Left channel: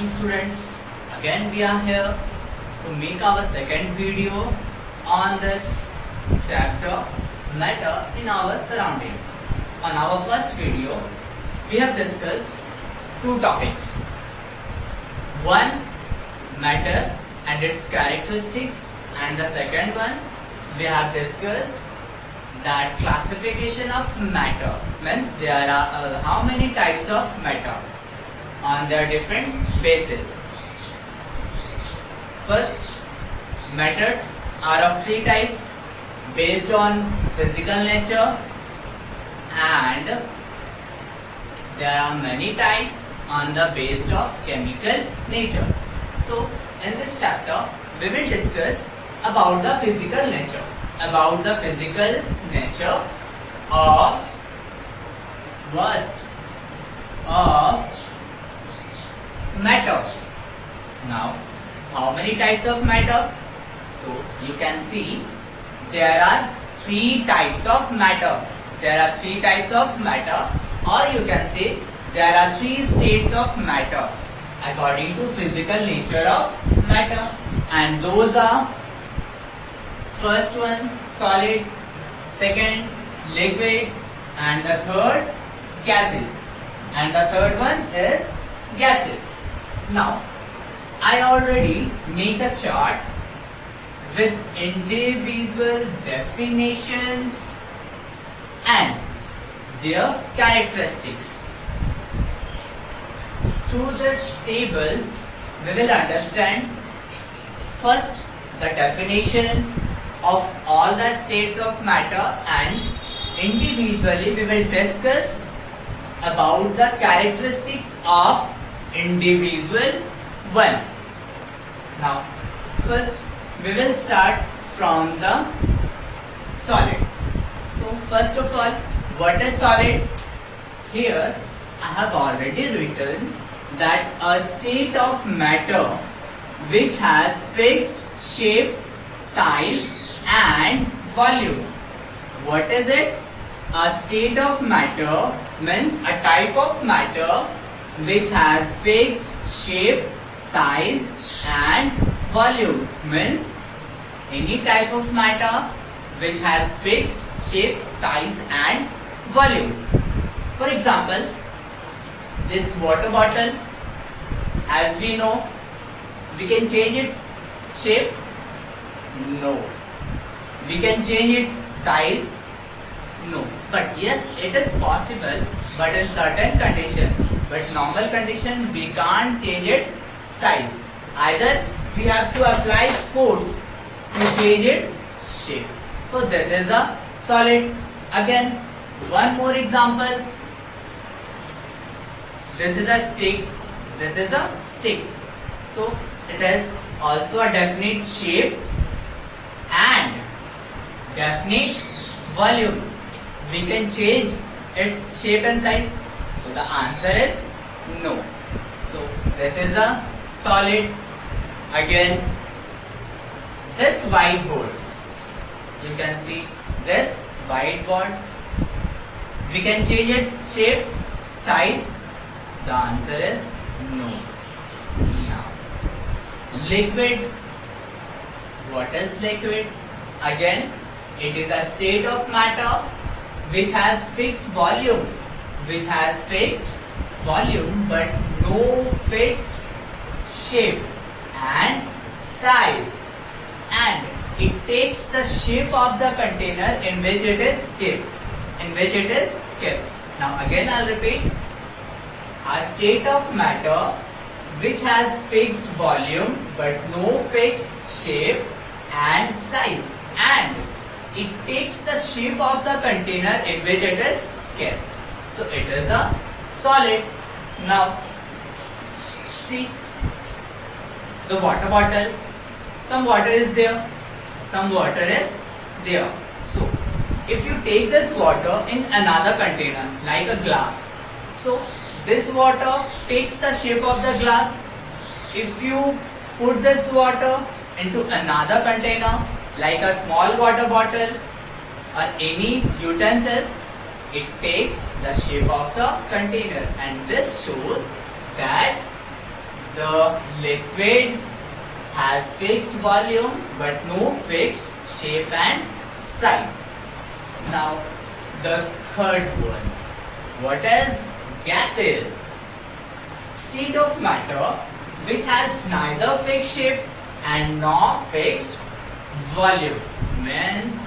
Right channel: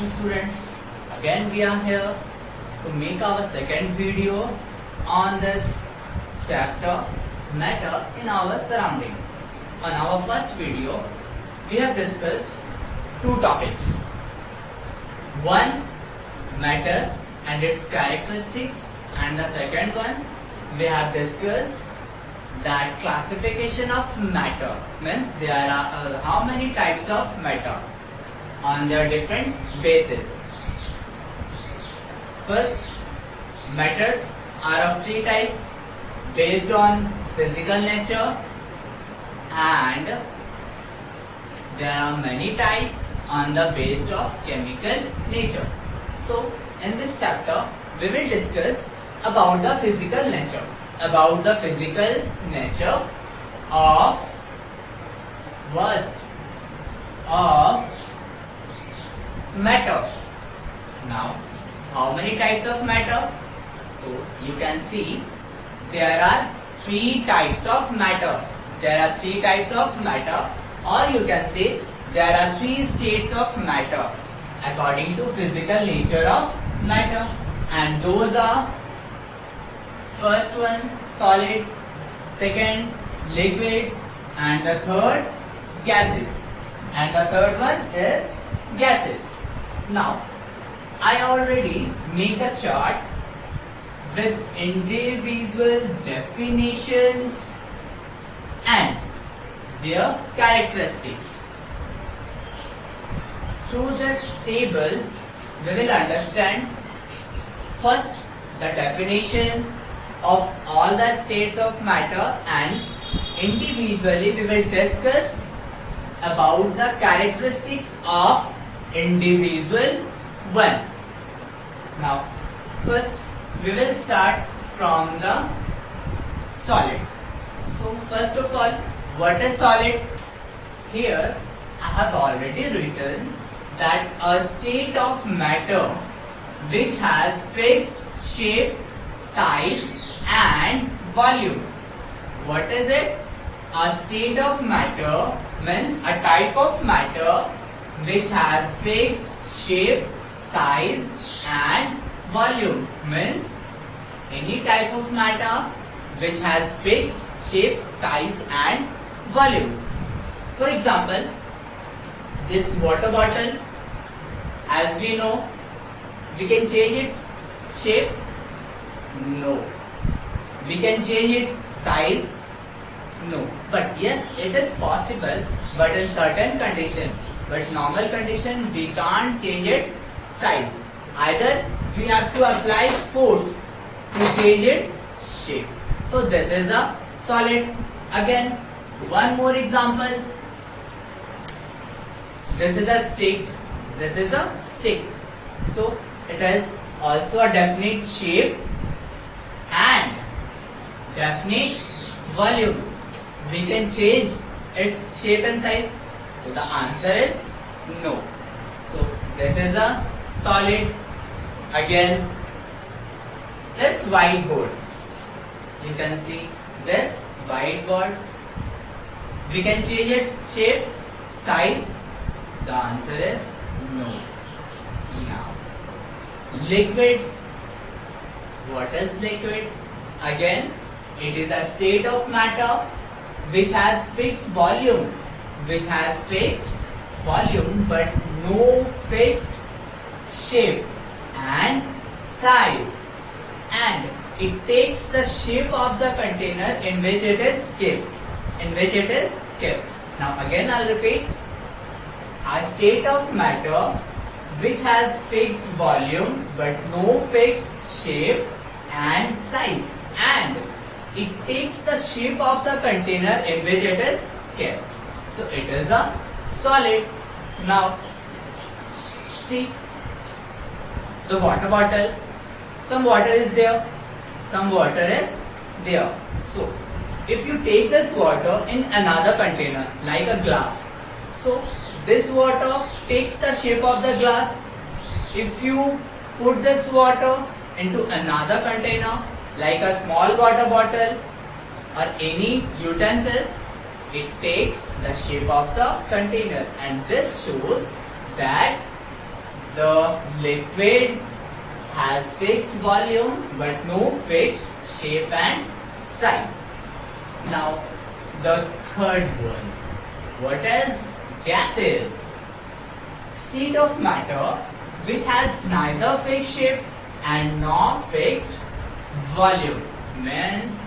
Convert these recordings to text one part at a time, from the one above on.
morning students. Again we are here to make our second video on this chapter matter in our surrounding. On our first video we have discussed two topics. One, matter and its characteristics, and the second one we have discussed that classification of matter, means there are how many types of matter on their different bases. First, matters are of three types based on physical nature, and there are many types on the basis of chemical nature. So in this chapter we will discuss about the physical nature, of what? Of matter. Now, how many types of matter? So you can see there are three types of matter. Or you can say there are three states of matter according to physical nature of matter, and those are: first one, solid; second, liquids; and the third, gases. And the third one is gases. Now, I already made a chart with individual definitions and their characteristics. Through this table, we will understand first the definition of all the states of matter, and individually we will discuss about the characteristics of individual one. Now, first we will start from the solid. So first of all, what is solid? Here I have already written that a state of matter which has fixed shape, size and volume. What is it? A state of matter means a type of matter which has fixed shape, size and volume. Means any type of matter which has fixed shape, size and volume. For example, this water bottle, as we know, we can change its shape? No. We can change its size? No. But yes, it is possible, but in certain condition. But normal condition, we can't change its size. Either we have to apply force to change its shape. So this is a solid. Again, one more example. This is a stick. So it has also a definite shape and definite volume. We can change its shape and size. So the answer is no. So this is a solid. Again, this whiteboard. You can see this whiteboard. We can change its shape, size. The answer is no. Now, liquid. What is liquid? Again, it is a state of matter which has fixed volume, but no fixed shape and size, and it takes the shape of the container in which it is kept. Now again I'll repeat: a state of matter which has fixed volume but no fixed shape and size, and it takes the shape of the container in which it is kept. So it is a solid. Now see the water bottle. Some water is there. So if you take this water in another container like a glass, so this water takes the shape of the glass. If you put this water into another container like a small water bottle or any utensils, it takes the shape of the container, and this shows that the liquid has fixed volume but no fixed shape and size. Now the third one. What is gases? State of matter which has neither fixed shape and nor fixed volume. Means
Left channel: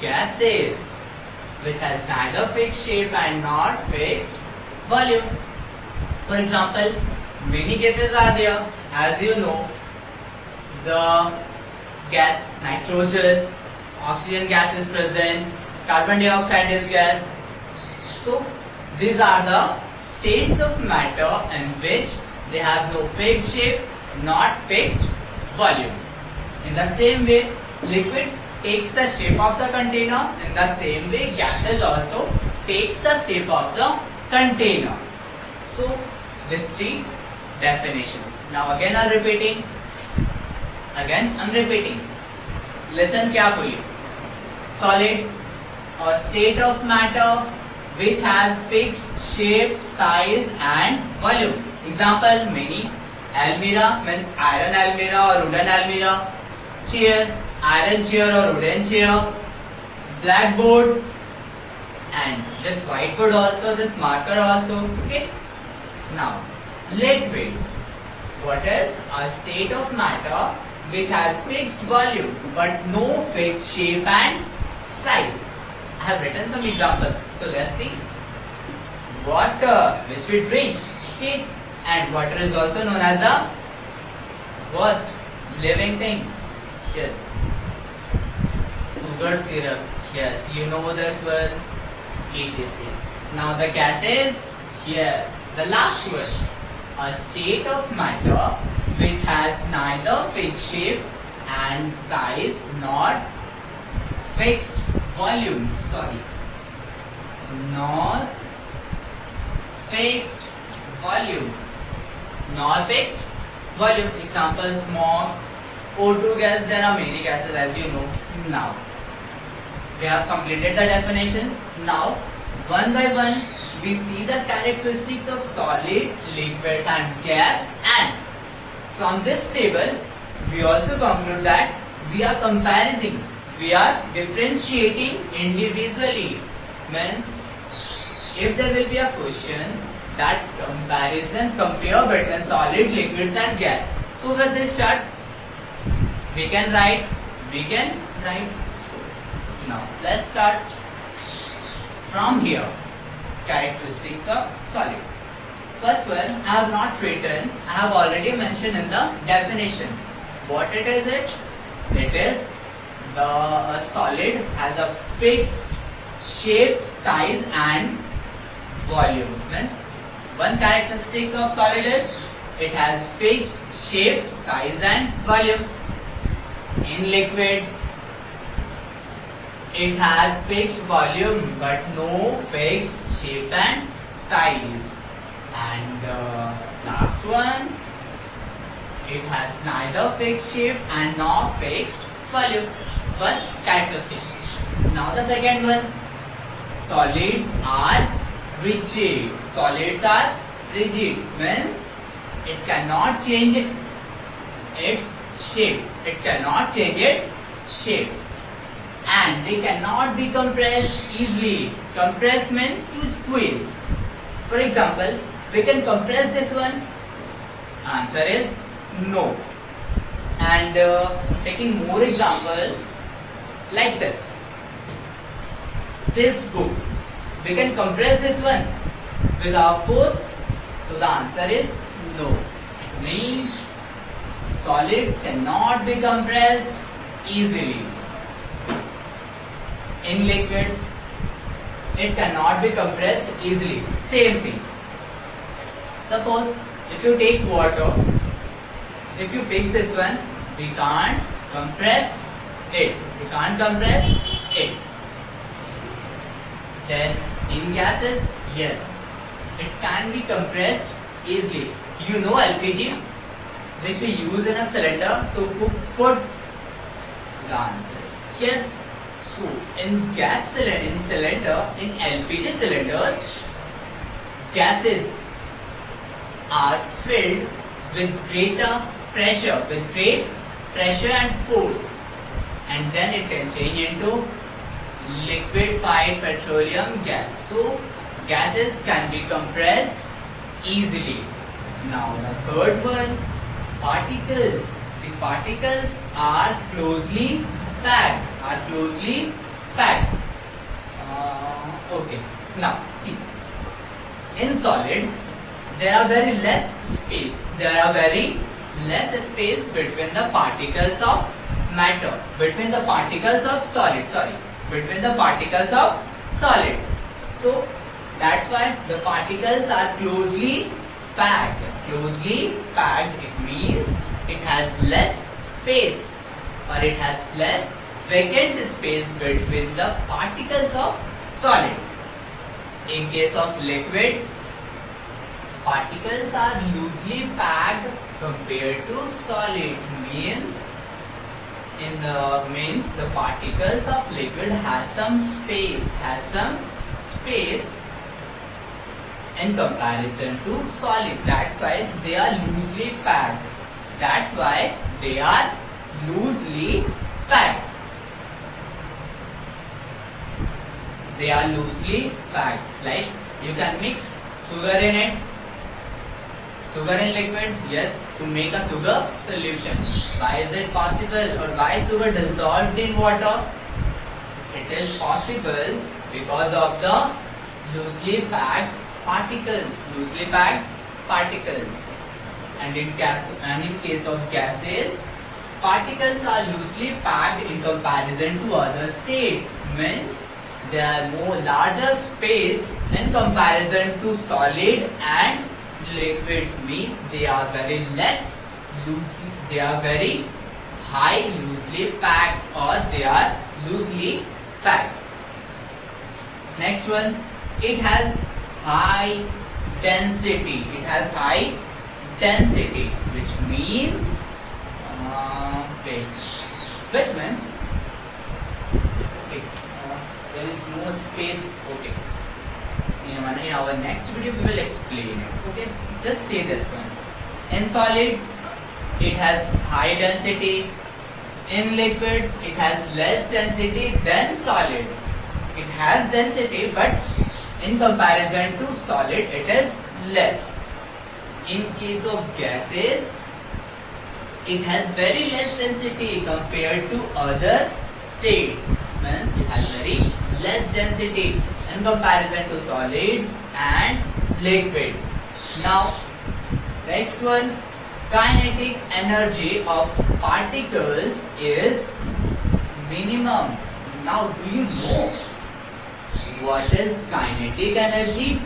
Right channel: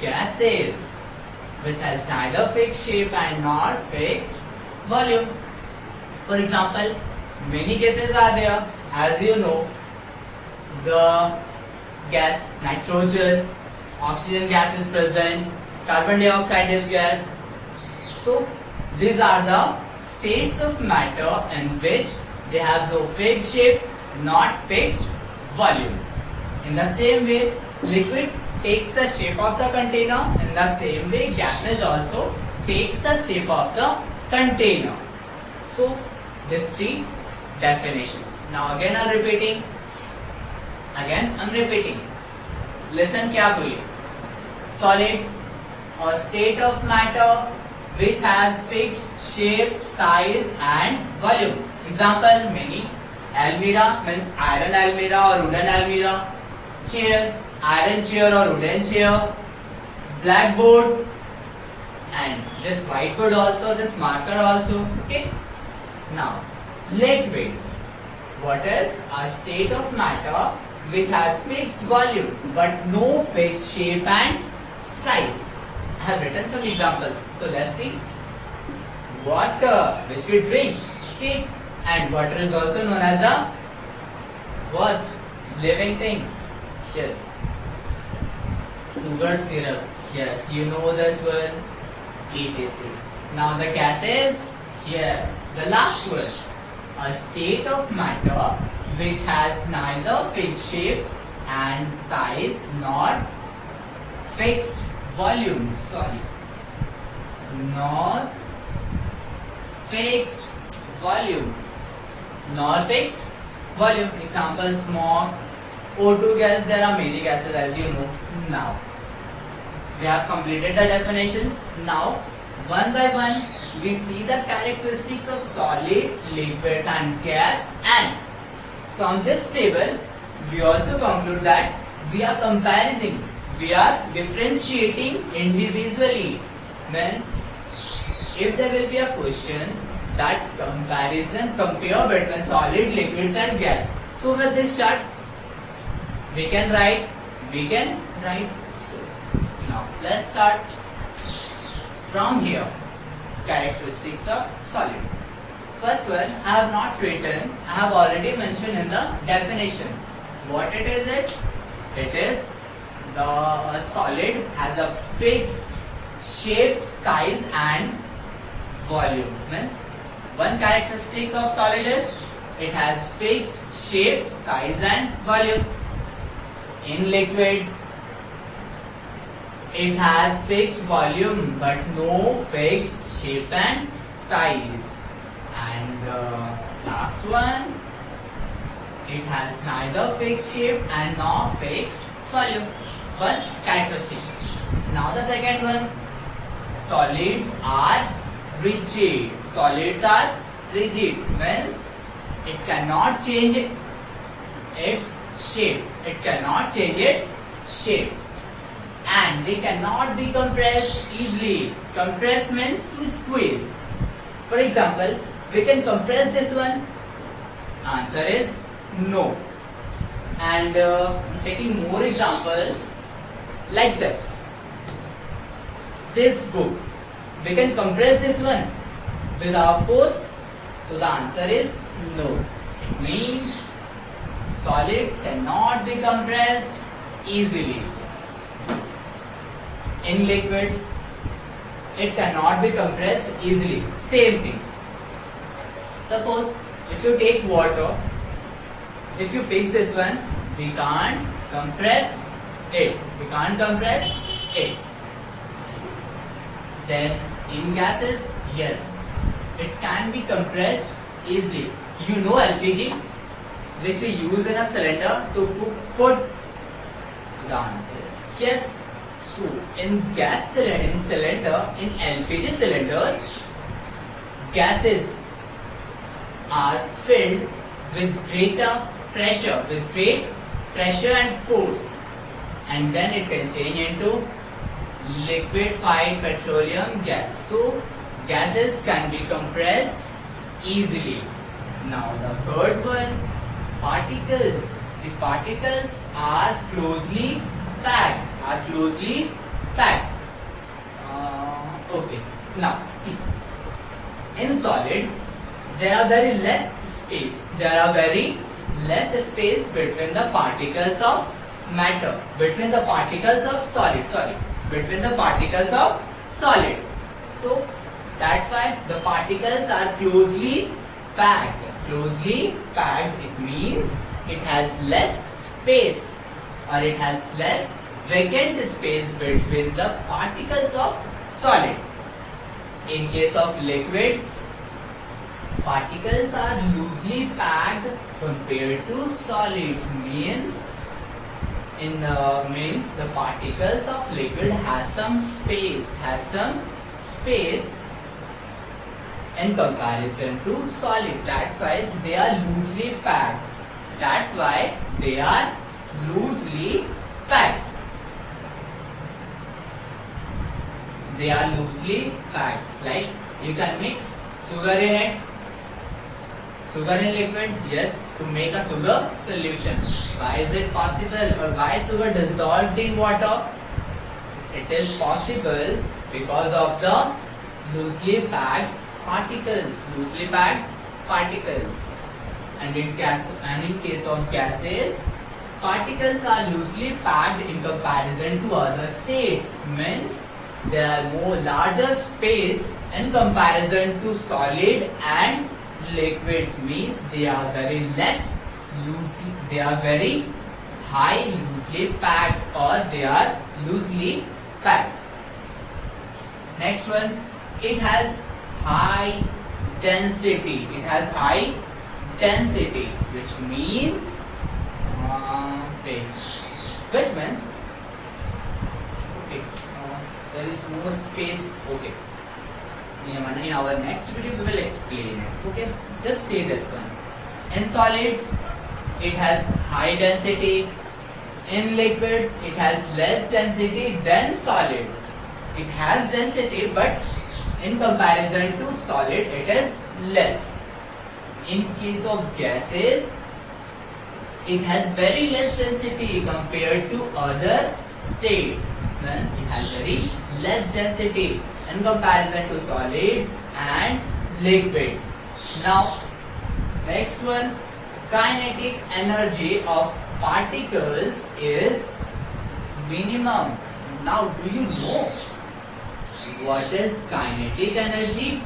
gases which has neither fixed shape and nor fixed volume. For example, many gases are there. As you know, the gas nitrogen, oxygen gas is present, carbon dioxide is gas. So these are the states of matter in which they have no fixed shape, not fixed volume. In the same way, liquid takes the shape of the container. In the same way, gases also takes the shape of the container. So these three definitions. Now again I'm repeating. Listen carefully. Solids, a state of matter which has fixed shape, size and volume. Example, many. Almirah means iron almirah or wooden almirah. Chair, iron chair or wooden chair. Blackboard and this whiteboard also, this marker also. Okay. Now, liquids. What is a state of matter which has fixed volume but no fixed shape and size? I have written some examples. So let's see. Water, which we drink. Okay. And water is also known as a what? Living thing. Yes. Sugar syrup. Yes, you know this one. etc. Now the gases. Yes. The last one. A state of matter which has neither fixed shape and size nor fixed volume. Nor fixed volume. Example, smoke, O2 gas. There are many gases, as you know. Now we have completed the definitions. Now one by one we see the characteristics of solid, liquids and gas, and from this table we also conclude that we are comparing, we are differentiating individually. Means if there will be a question that compare between solid, liquids and gas. So with this chart we can write. So now let's start from here. Characteristics of solid. First one I have not written, I have already mentioned in the definition. What it is? It is the solid has a fixed shape, size and volume. Means one characteristic of solid is it has fixed shape, size and volume. In liquids, it has fixed volume but no fixed shape and size. And the last one, it has neither fixed shape and nor fixed volume. First characteristic. Now the second one, solids are rigid. Means it cannot change its shape. And they cannot be compressed easily. Compress means to squeeze. For example, we can compress this one. Answer is no. And taking more examples like this. This book. We can compress this one without force. So the answer is no. It means solids cannot be compressed easily. In liquids, it cannot be compressed easily. Same thing. Suppose if you take water, if you fix this one, we can't compress it. Then in gases, yes, it can be compressed easily. You know LPG, which we use in a cylinder to cook food. The answer is yes. So in in LPG cylinders, gases are filled with greater pressure, with great pressure and force, and then it can change into liquefied petroleum gas. So gases can be compressed easily. Now the third one, particles. The particles are closely packed. Okay. Now see, in solid there are very less space. There are very less space between the particles of matter, between the particles of solid. Between the particles of solid. So that's why the particles are closely packed. Closely packed, it means it has less space, or it has less vacant space between the particles of solid. In case of liquid, particles are loosely packed compared to solid. Means the particles of liquid has some space, in comparison to solid. That's why they are loosely packed. They are loosely packed. Like you can mix sugar in it. Sugar in liquid, yes, to make a sugar solution. Why is it possible, or why sugar dissolved in water? It is possible because of the loosely packed particles. And in case of gases, particles are loosely packed in comparison to other states. Means there are more larger space in comparison to solid and liquids. Means they are very high loosely packed, or they are loosely packed. Next one, it has high density. Which means there is no space. Okay. In our next video we will explain it. Okay. Just say this one. In solids, it has high density. In liquids, it has less density than solid. It has density, but in comparison to solid, it is less. In case of gases, it has very less density compared to other states. Means it has very less density in comparison to solids and liquids. Now, next one, kinetic energy of particles is minimum. Now, do you know what is kinetic energy?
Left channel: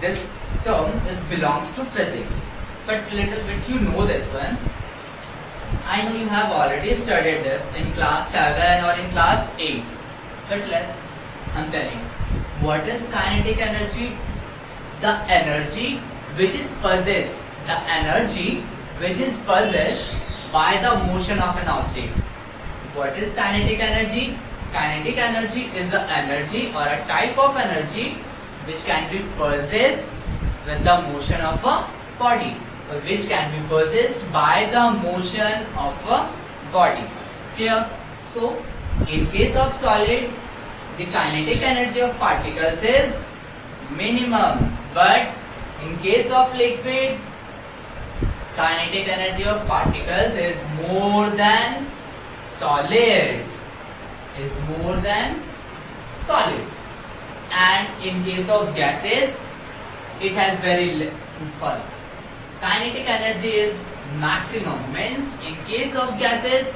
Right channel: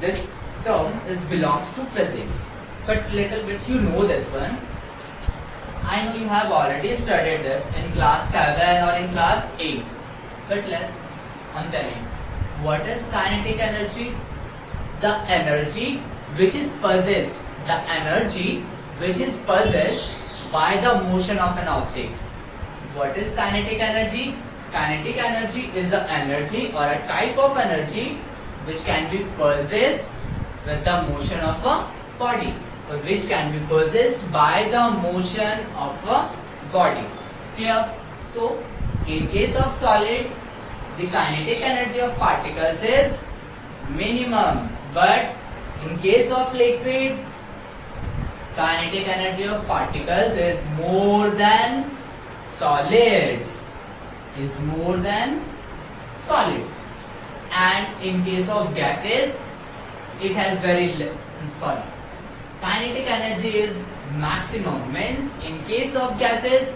This term belongs to physics, but little bit you know this one. I know you have already studied this in class 7 or in class 8, but I'm telling, what is kinetic energy? The energy which is possessed by the motion of an object. What is kinetic energy? Kinetic energy is the energy or a type of energy which can be possessed with the motion of a body, which can be possessed by the motion of a body. Clear? So, in case of solid, the kinetic energy of particles is minimum, but in case of liquid, kinetic energy of particles is more than solids. And in case of gases, it has kinetic energy is maximum. Means in case of gases,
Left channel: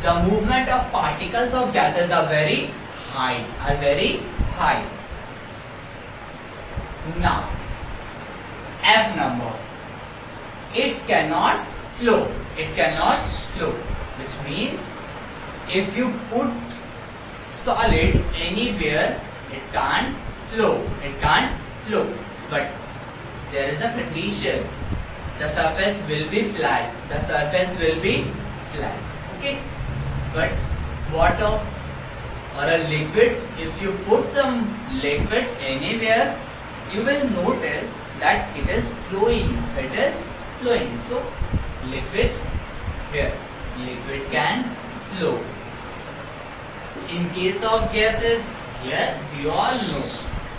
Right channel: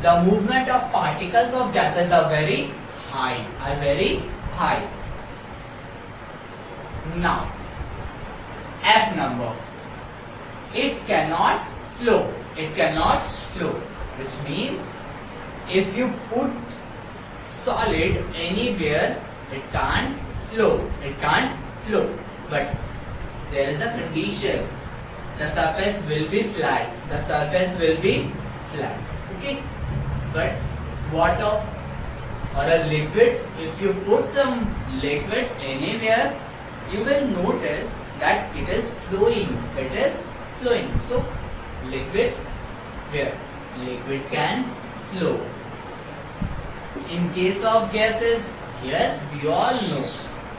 the movement of particles of gases are very high. Now, F number. It cannot flow. Which means if you put solid anywhere, it can't flow. But there is a condition. The surface will be flat. Okay. But water or a liquids, if you put some liquids anywhere, you will notice that it is flowing. It is flowing. So liquid here, liquid can flow. In case of gases, yes, we all know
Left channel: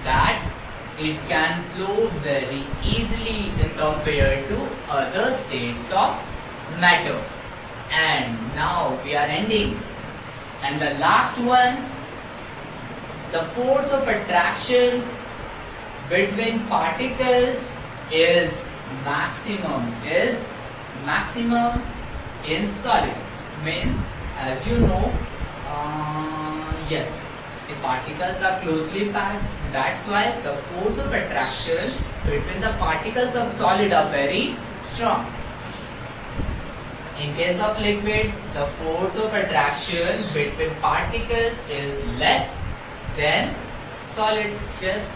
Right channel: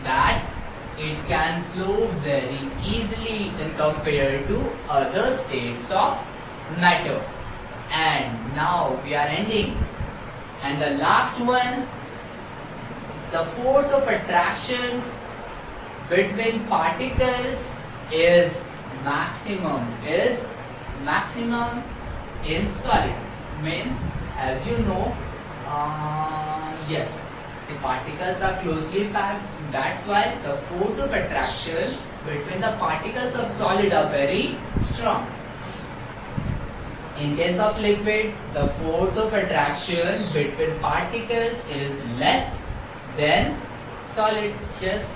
that it can flow very easily when compared to other states of matter. And now we are ending. And the last one, the force of attraction between particles is maximum in solid. Means, as you know, yes, the particles are closely packed. That's why the force of attraction between the particles of solid are very strong. In case of liquid, the force of attraction between particles is less than solid. Just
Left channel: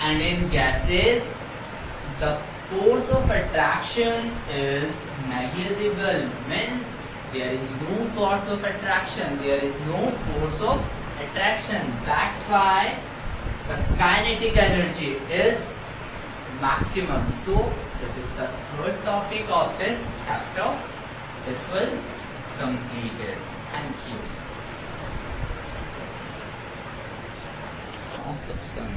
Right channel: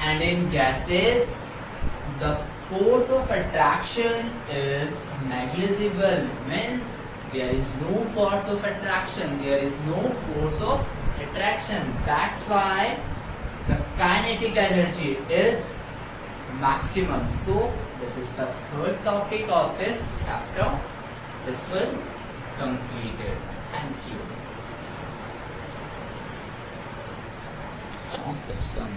and in gases, the force of attraction is negligible. Means there is no force of attraction. There is no force of attraction. That's why the kinetic energy is maximum. So this is the third topic of this chapter. This will complete it. Thank you. Of the sun.